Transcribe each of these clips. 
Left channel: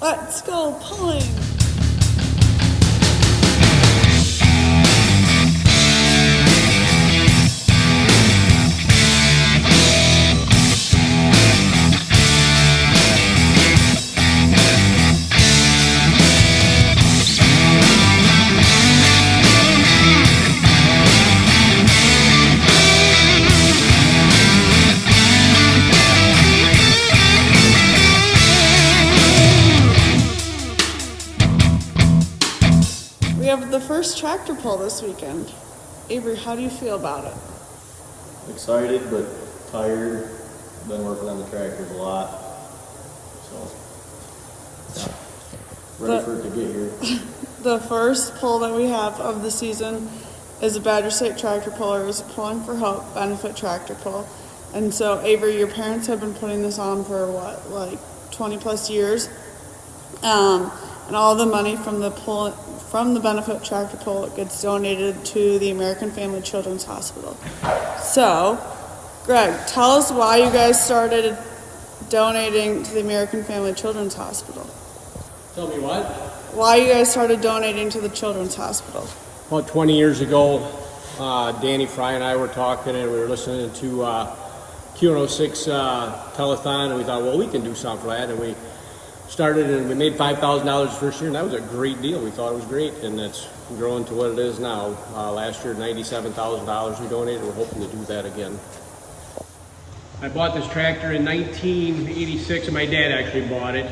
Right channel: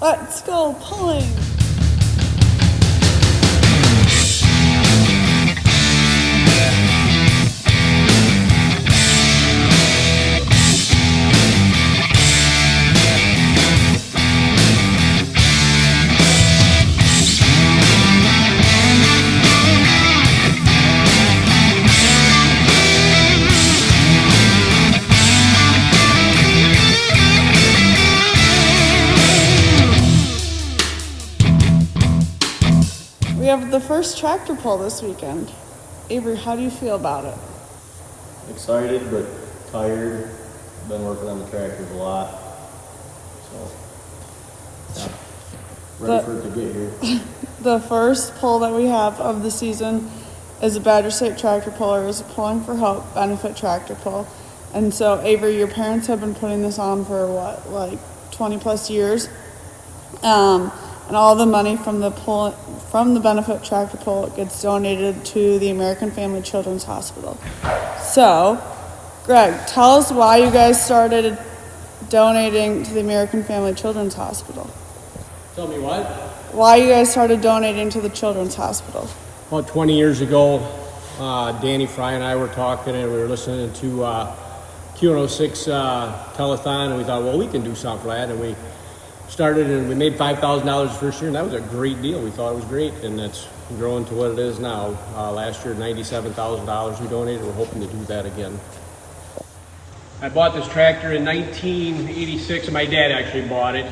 Let's go pulling. We have the first tractor pull this weekend. Avery, how do you feel about it? Excited, but tired. Been working on the tractors a lot. So, yeah, ready for it to get here. The first pull that we have of the season is a Badger State Tractor Pullers Pulling for Hope benefit tractor pull. And so, Avery, your parents have been putting this on for what, like 20 plus years? And all the money from the benefit tractor pull gets donated to the American Family Children's Hospital. So, Greg, tell us why you guys started donating to the American Family Children's Hospital. Tell me what? Why you guys started donating to the Children's Hospital? About 20 years ago, Danny Fry and I were talking, and we were listening to Q106 telethon, and we thought, well, we can do something for that, and we started, and we made $5,000 the first year, and that was a great deal. We thought it was great, and it's grown to what it is now. Last year, $97,000 we donated. We're hoping to do that again. I bought this tractor in 1986, and my dad actually bought it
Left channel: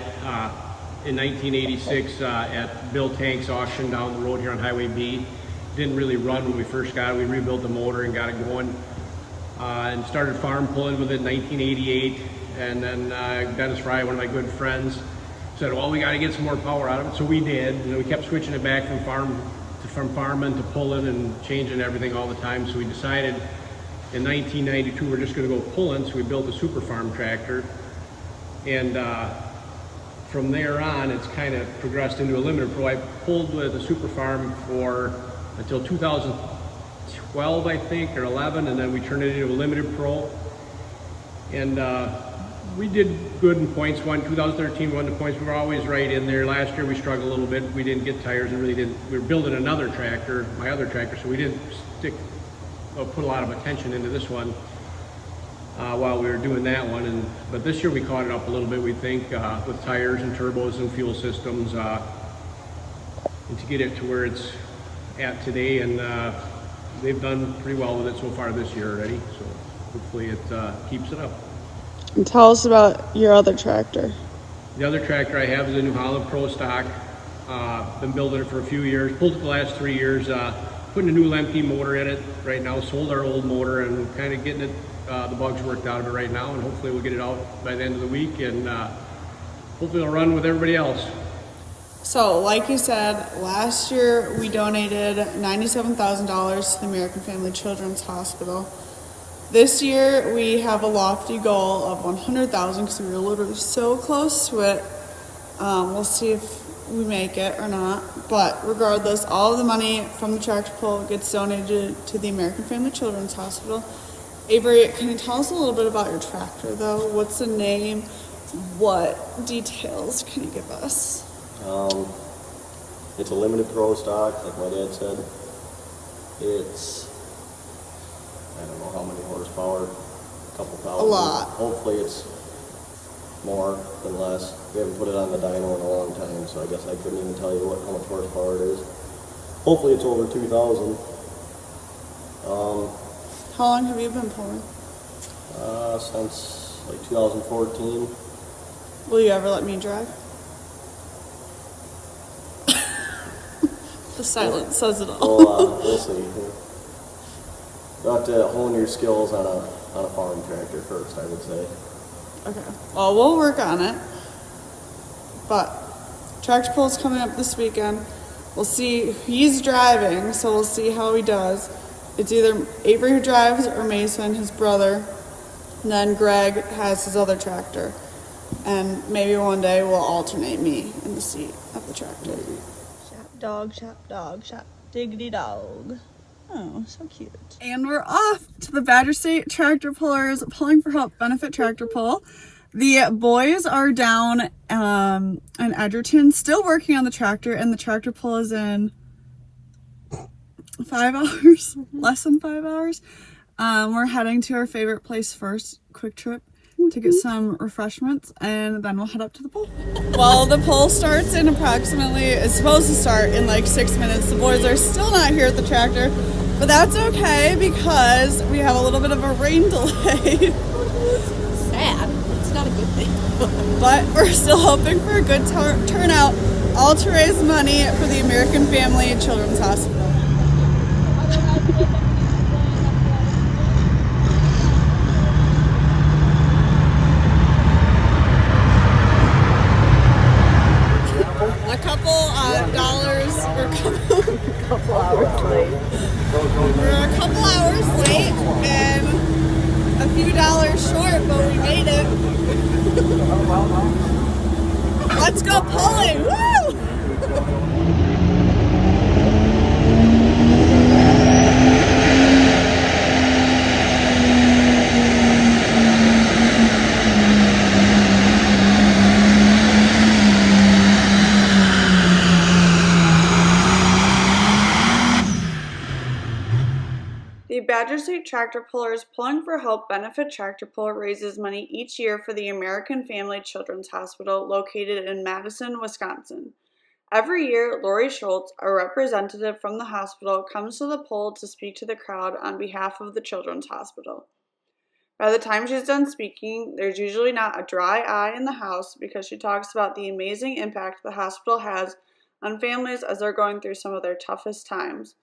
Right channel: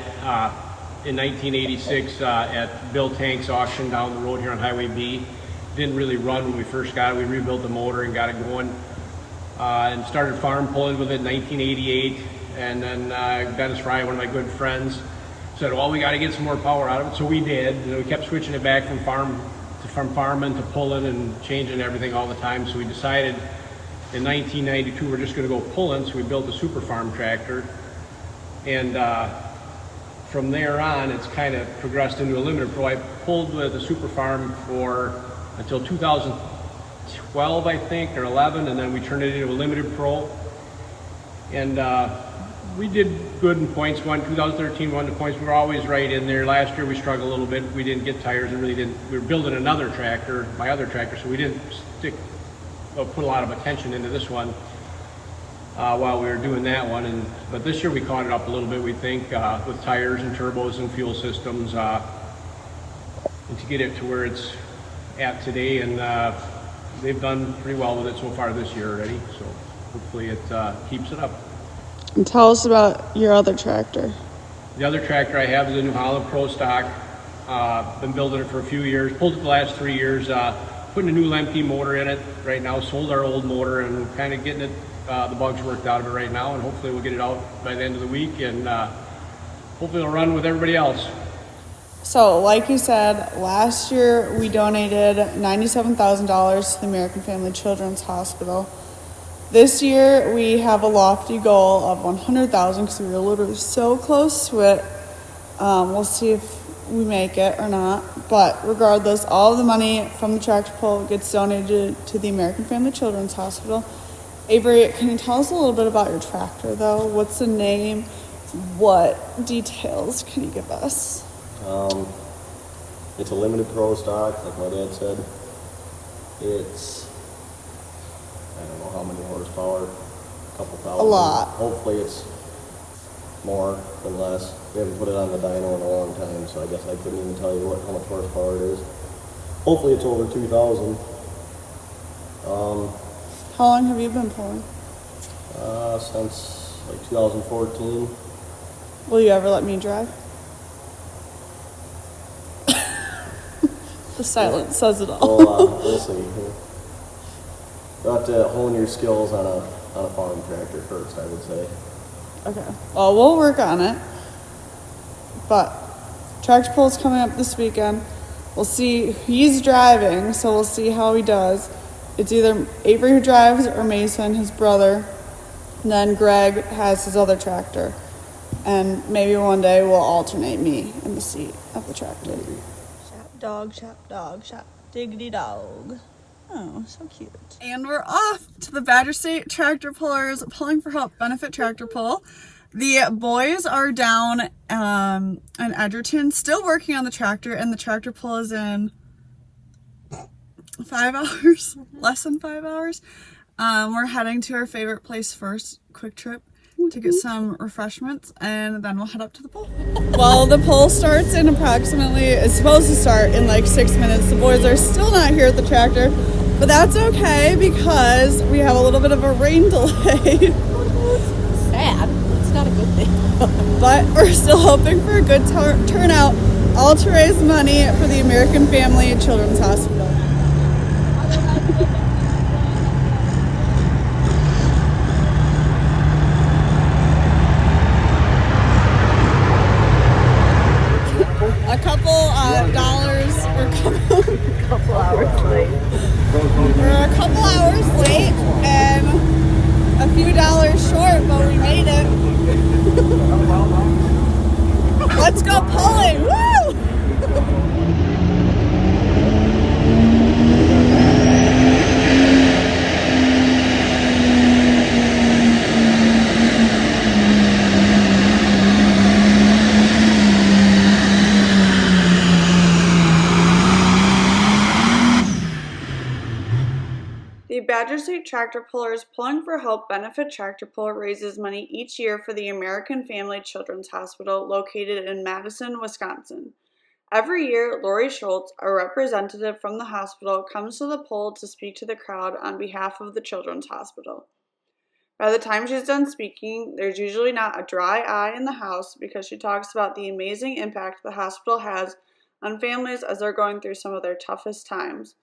in 1986 at Bill Tank's auction down the road here on Highway B. Didn't really run when we first got it. We rebuilt the motor and got it going, and started farm pulling with it in 1988. And then Dennis Fry, one of my good friends, said, well, we got to get some more power out of it. So we did. And we kept switching it back from farming to pulling and changing everything all the time. So we decided in 1992 we're just going to go pulling. So we built a super farm tractor. And from there on, it's kind of progressed into a limited pro. I pulled with a super farm until 2012, I think, or 11. And then we turned it into a limited pro. And we did good in points. 2013 won the points. We were always right in there. Last year we struggled a little bit. We didn't get tires. We were building another tractor, my other tractor, so we didn't put a lot of attention into this one while we were doing that one. But this year we caught it up a little bit, we think, with tires and turbos and fuel systems, and to get it to where it's at today. And they've done pretty well with it so far this year already. So hopefully it keeps it up. And tell us about your other tractor. The other tractor I have is a New Holland Pro Stock. Been building it for a few years. Pulled it the last 3 years. Putting a new Lemke motor in it right now. Sold our old motor and kind of getting it the bugs worked out of it right now. And hopefully we'll get it out by the end of the week. And hopefully it'll run with everybody else. So, like you said, last year we donated $97,000 to the American Family Children's Hospital. This year we have a lofty goal of $100,000 because we were literally so close to it. We'll see if we make it or not. But regardless, all of the money from the tractor pull gets donated to the American Family Children's Hospital. Avery, can you tell us a little bit about your tractor, though? What's the name? What details can you give us? It's a limited pro stock, like my dad said. It's, I don't know how many horsepower, a couple thousand. A lot. Hopefully it's more than less. We haven't put it on the dyno in a long time, so I guess I couldn't even tell you how much horsepower it is. Hopefully it's over 2,000. How long have you been pulling? Since like 2014. Will you ever let me drive? The silence says it all. Well, we'll see. You'll have to hone your skills on a farm tractor first, I would say. Okay. Well, we'll work on it. But tractor pull is coming up this weekend. We'll see. He's driving, so we'll see how he does. It's either Avery who drives or Mason, his brother. And then Greg has his other tractor. And maybe one day we'll alternate me in the seat of the tractor. Shop dog, diggity dog. Oh, so cute. And we're off to the Badger State Tractor Pullers Pulling for Hope benefit tractor pull. The boys are down in Edgerton, still working on the tractor, and the tractor pull is in 5 hours, less than 5 hours. We're heading to our favorite place first, Quick Trip, to get some refreshments, and then we'll head up to the pool. Well, the poll starts in it's supposed to start in like 6 minutes. The boys are still not here at the tractor, but that's okay because we have a little bit of a rain delay. Sad. It's not a good thing. But we're still hoping for a good turnout, all to raise money for the American Family Children's Hospital. A couple dollars or couple hours late. We're a couple hours late and a few dollars short, but we made it. Let's go pulling! Woo! The Badger State Tractor Pullers Pulling for Hope Benefit Tractor Pull raises money each year for the American Family Children's Hospital located in Madison, Wisconsin. Every year, Lori Schultz, a representative from the hospital, comes to the poll to speak to the crowd on behalf of the Children's Hospital. By the time she's done speaking, there's usually not a dry eye in the house because she talks about the amazing impact the hospital has on families as they're going through some of their toughest times.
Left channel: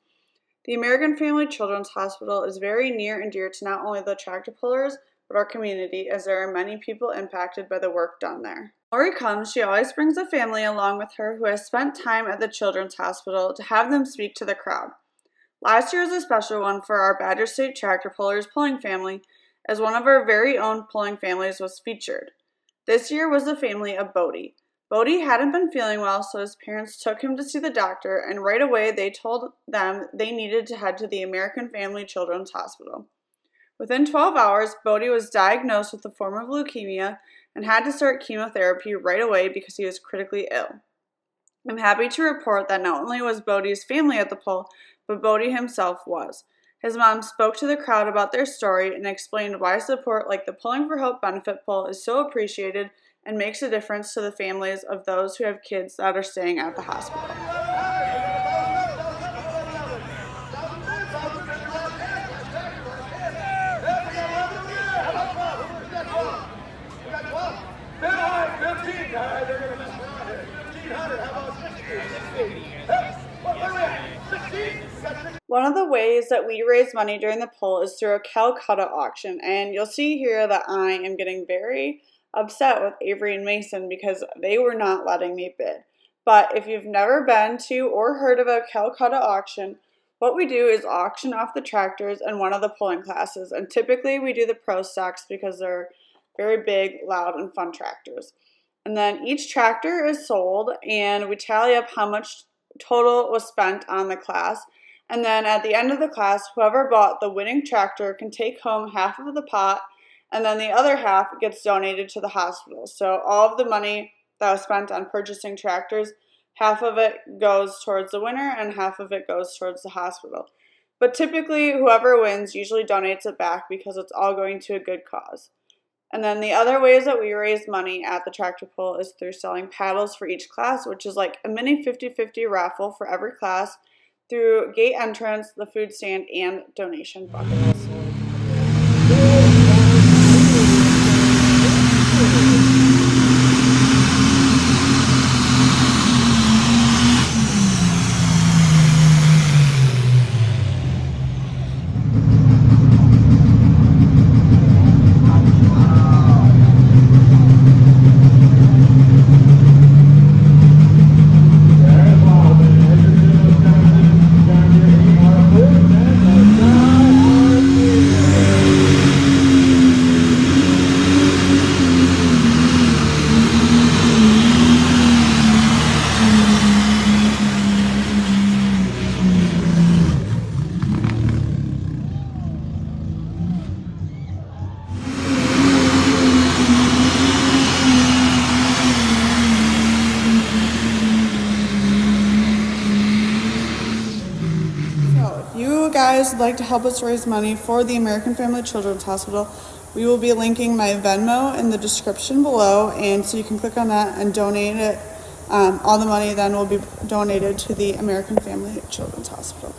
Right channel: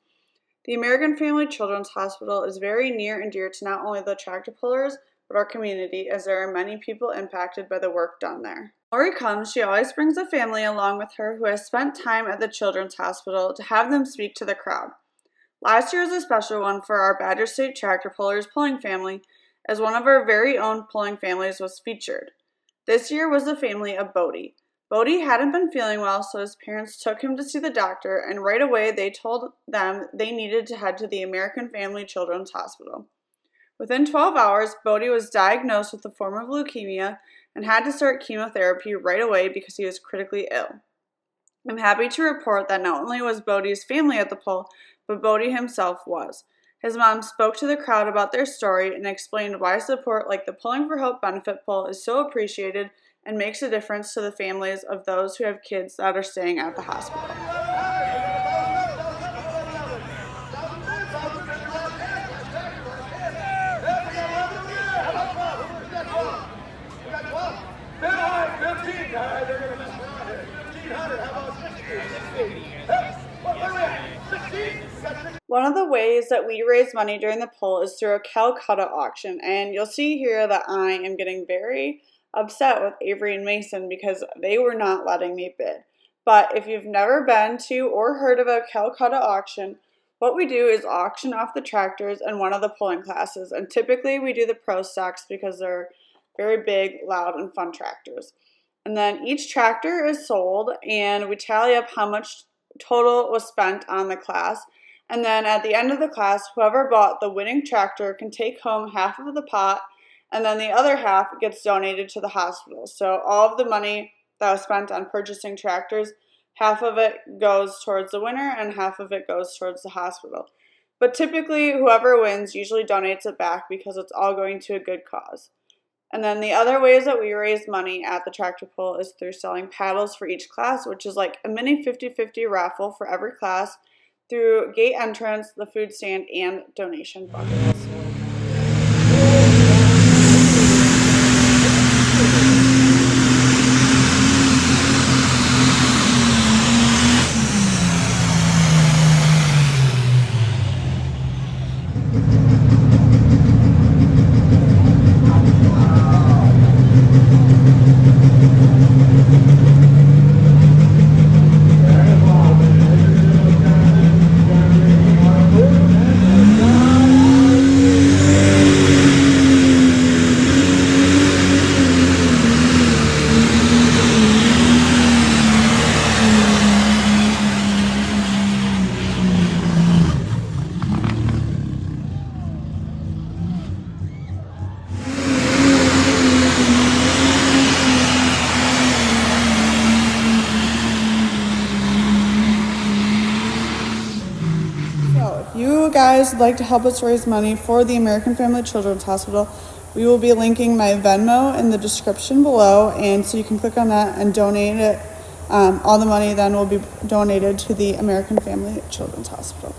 The American Family Children's Hospital is very near and dear to not only the tractor pullers, but our community, as there are many people impacted by the work done there. When Lori comes, she always brings a family along with her who has spent time at the Children's Hospital to have them speak to the crowd. Last year was a special one for our Badger State Tractor Pullers pulling family, as one of our very own pulling families was featured. This year was the family of Bodie. Bodie hadn't been feeling well, so his parents took him to see the doctor, and right away they told them they needed to head to the American Family Children's Hospital. Within 12 hours, Bodie was diagnosed with a form of leukemia and had to start chemotherapy right away because he was critically ill. I'm happy to report that not only was Bodie's family at the pull, but Bodie himself was. His mom spoke to the crowd about their story and explained why support like the Pulling for Hope benefit pull is so appreciated and makes a difference to the families of those who have kids that are staying at the hospital. One of the ways that we raise money during the pull is through a Calcutta auction, and you'll see here that I am getting very upset with Avery and Mason because they were not letting me bid. But if you've never been to or heard of a Calcutta auction, what we do is auction off the tractors in one of the pulling classes, and typically we do the pro stocks because they're very big, loud, and fun tractors. And then each tractor is sold and we tally up how much total was spent on the class. And then at the end of the class, whoever bought the winning tractor can take home half of the pot, and then the other half gets donated to the hospital. So all of the money that was spent on purchasing tractors, half of it goes towards the winner and half of it goes towards the hospital. But typically, whoever wins usually donates it back because it's all going to a good cause. And then the other ways that we raise money at the tractor pull is through selling paddles for each class, which is like a mini 50-50 raffle for every class, through gate entrance, the food stand, and donation buckets. guys would like to help us raise money for the American Family Children's Hospital, we will be linking my Venmo in the description below, and so you can click on that and donate it. All the money then will be donated to the American Family Children's Hospital.